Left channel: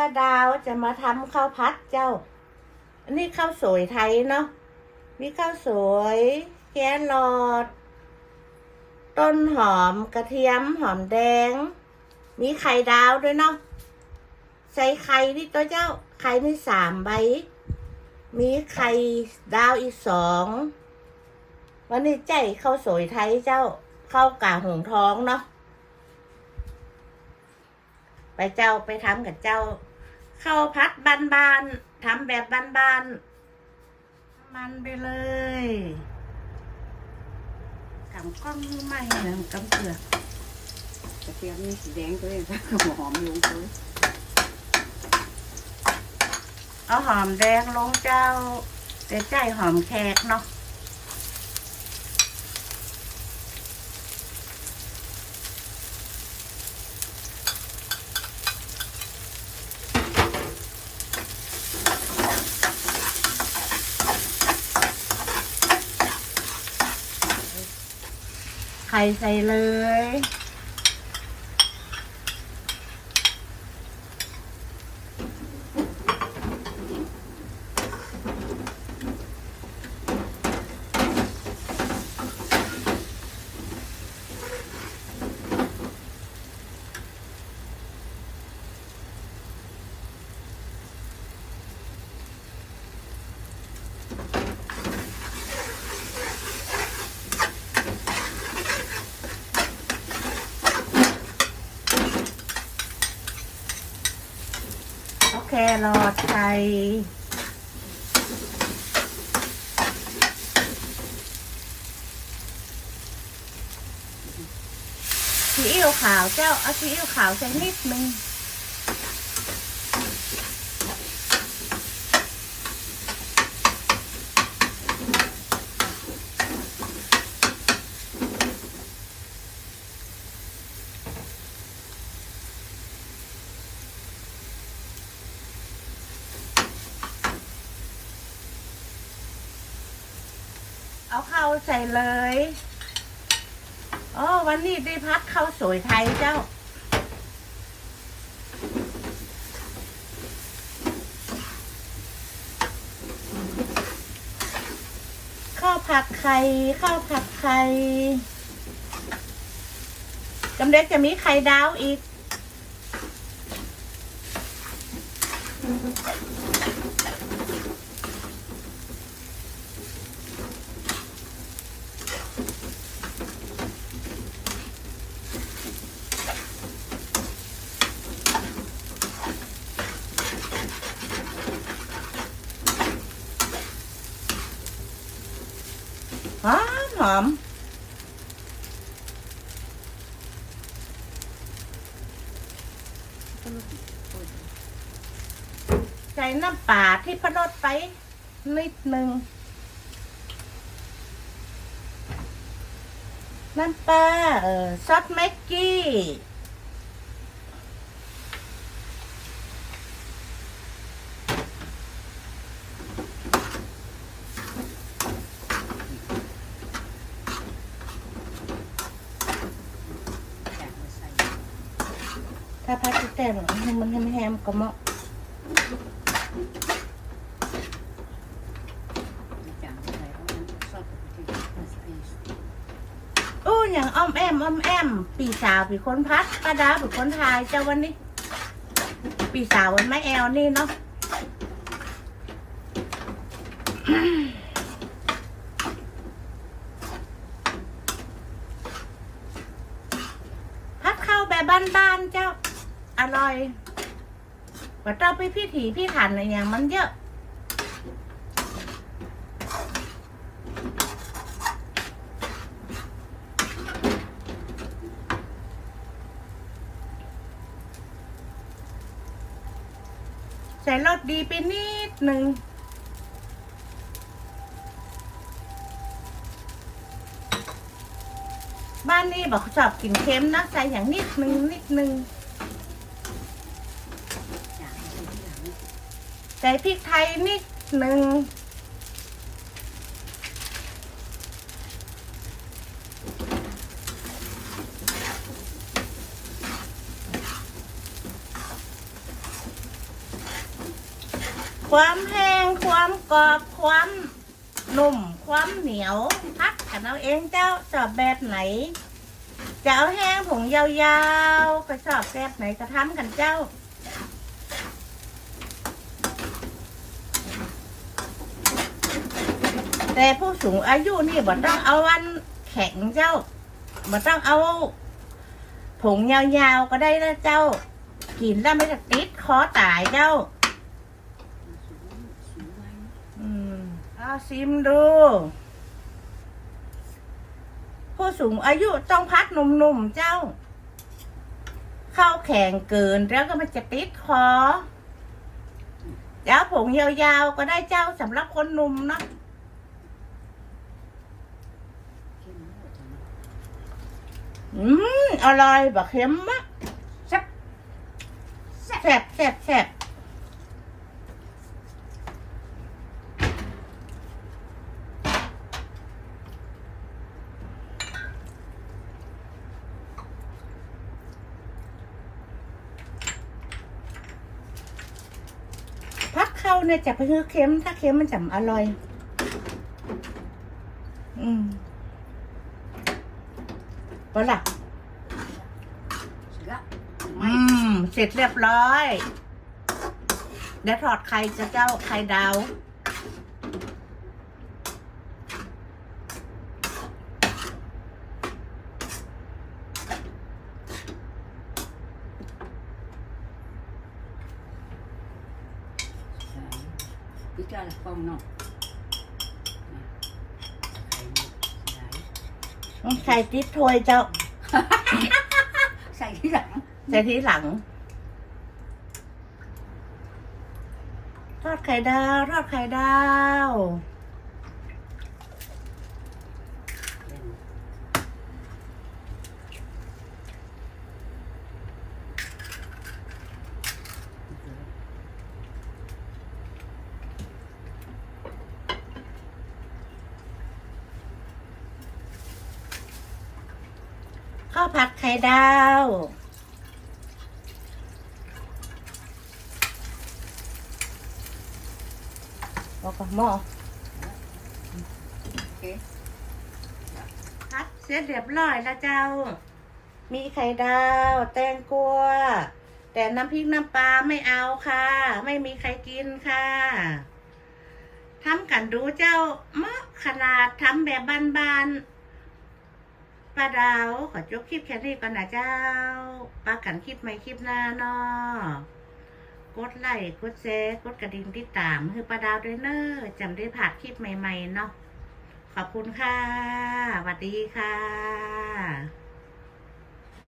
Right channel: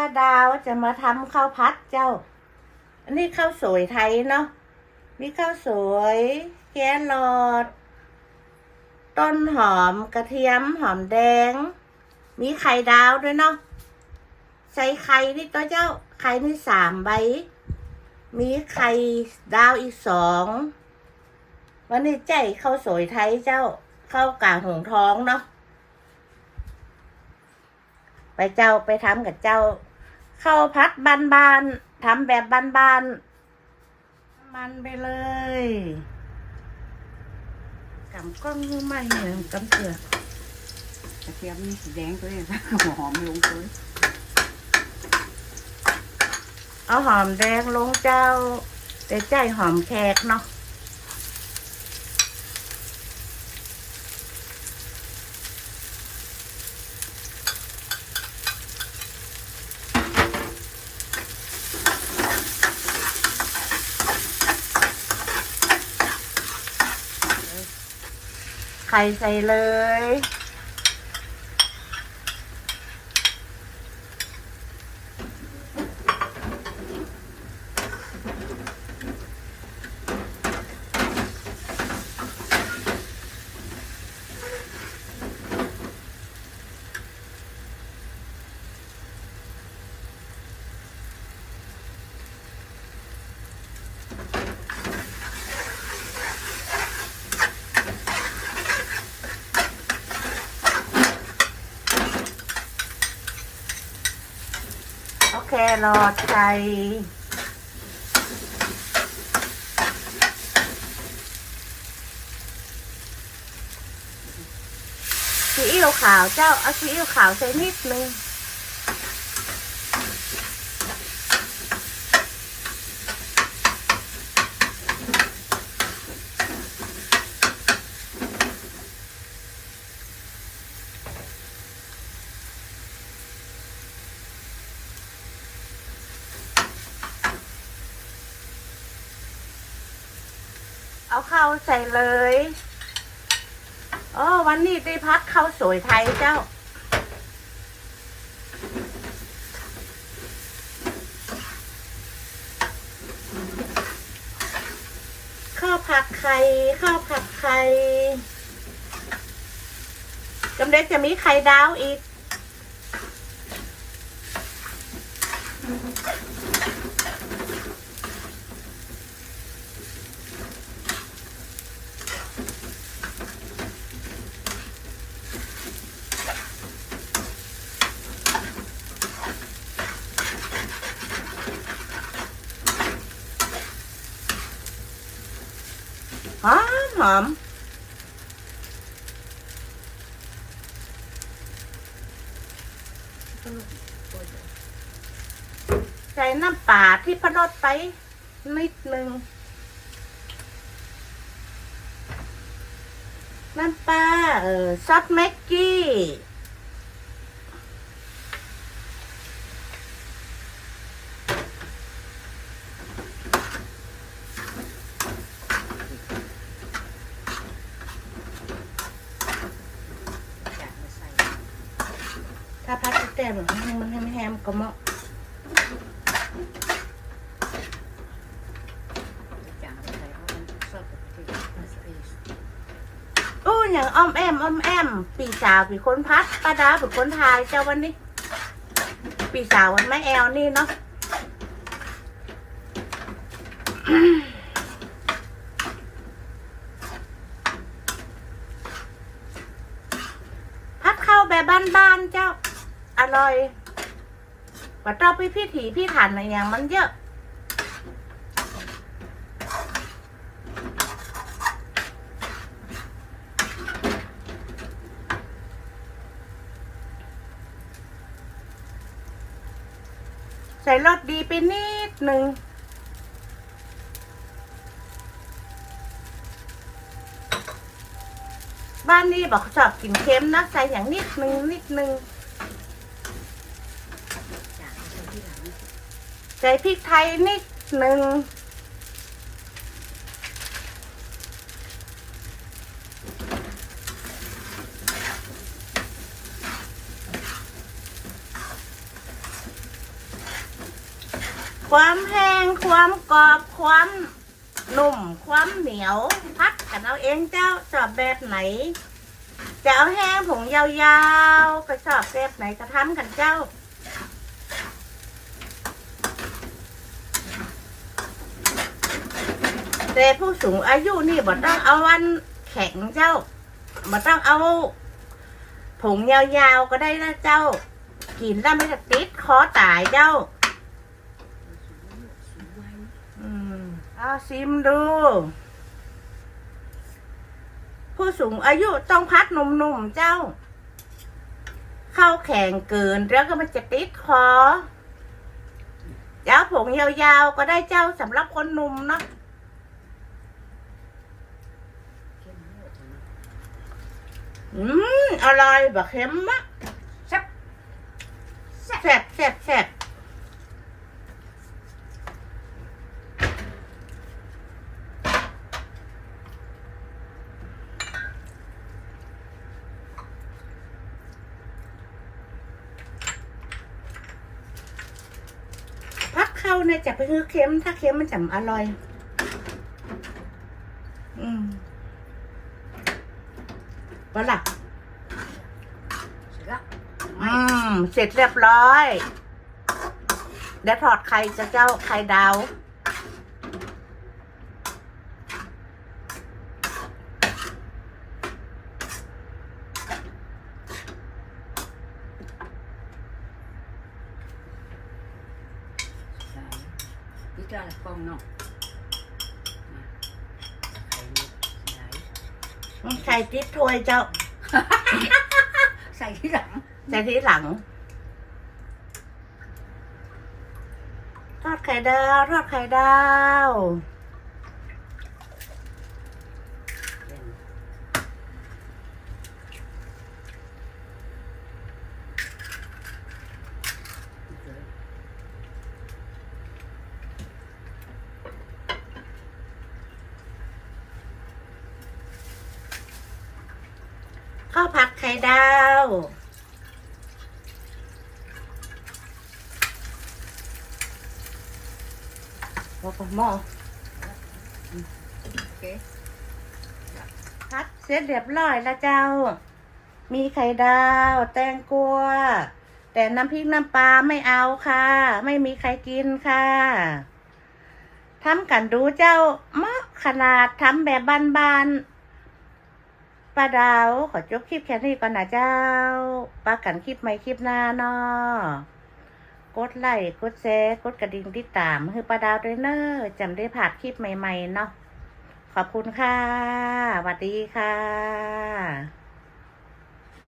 ป้าดาวจะมาทำข้าวพัดเจ้า อันนี้ข้าวสวยไทยเนาะ มีข้าวสวยแกนหลอดต้นหอมกระเทียมหอมแดง มีไข่ดาวด้วยเนาะ ใส่ไข่นี่ตัวเจ้า ไข่นี่สามใบ มีไข่ดาวอีกสอง วันนี้ใจข้าวสวยไทยเจ้า ข้าวกาหงท้องเนาะไปเจ้าไปทำกับเจ้า ข้าวพัดบานๆทำแบบบานๆมันไปเลยกำกล้องมาเห็นกำเกลือกระเทียมนี่สีแดงเลยหัวหอมลงเลยเอาหอมแดงลงเจ้าแต่ใจหอมแขกเนาะ ข่ใส่เลยโอ ครอใจ ซีอิ๊วขาวเจ้าเอาซีอิ๊วขาวใส่นิดนึง ใส่เลยโอ้วันนี้ได้พัดข้าวสวยไทยเจ้า ข้าวผัดไข่ข้าวผัดไข่จำเด็กจะมีไข่ดาวอีก อมหอมใส่น้ำปลาที่พรดไปนิดหนึ่งน้ำปลาเออซอสแม็กกี้ อยากมาใส่ ถ้าพัด แต้มมันให้มันแฮมๆก็เหมาะอยากมาใส่เพราะมันชอบกับกระเทียมมาใส่อู้อย่างอ้อมแอมอ้อมแอม ปีสาวปีคนพัดป้าดาปีคนทายเจ้าวันนี้ ปีสาววันแม่แอลนี่เนาะ พัดเข้าแบบบ้านๆเจ้า อร่อย ว่าต้องไปพิถีพิถันอะไรอย่างมันเยอะ ใส่รสดีไปนิดหนึ่งบ้านนี้บอกชอบกินเค็มนะใส่อย่างนิดนึงนิดนึง อยากมาใส่ที่หลัง ใส่พริกไทยนิดหนึ่งความแห้งความกรอบความนุ่มความเหนียวพักกันเอาเองเจ้าชอบแบบไหนจะเอาแห้งผงยาวๆ ไปชอบแบบไหนก็ทำกันเจ้า แต่ผู้สูงอายุนี่บ่ต้องเอาวันแข็งเจ้าบ่ต้องเอาผงยาวๆก็ได้นะเจ้า กินแล้วไม่จะติดคอตายเจ้าอืมเอาซิมดู ผู้สูงอายุต้องพัดหนุ่มๆเจ้า เข้าแข็งเกินแล้วก็มันจะติดคอเจ้าผงยาวๆก็ได้เจ้าสำหรับคนหนุ่มเนอะ เข้มหมดเลย อืมอร่อยแบบเค็มมะแซ่บแซ่บแซ่บแซ่บพักเข้าเนี่ยจะไปคือเค็ม ถ้าเค็มมันจะอร่อย อืม ก็ล่ะเสร็จแล้วอืม เสร็จเรียบร้อยเดี๋ยวถอดไข่จะเจ้าไข่ดาว ใส่พี่กาละฟองเนาะ ใส่ไข่ติดถ้วยเจ้า ใส่ที่หลังแต่ทีหลัง ทอดไข่ดาว ทอดไข่ดาว ข้าวผัดไข่ดาวแล้วก็หม้อโอเคพัดเสร็จเรียบร้อยแล้วเจ้า มีไข่ดาว แตงกวาแต่น้ำพริกน้ำปลาไม่เอาค่ะ ไม่มีใครกินค่ะทำกันดูเจ้ามะขนาดทำแบบบ้านๆ ป้าดาว ขอจบคลิปแค่นี้ก่อนนะเจ้าปากันคลิปใหม่คลิปหน้าเนาะกดไลค์กดแชร์กดกระดิ่งติดตามคือป้าดาวด้วยเนอะจำได้ผ่านคลิปใหม่ ๆ เนาะขอบคุณค่ะสวัสดีค่ะ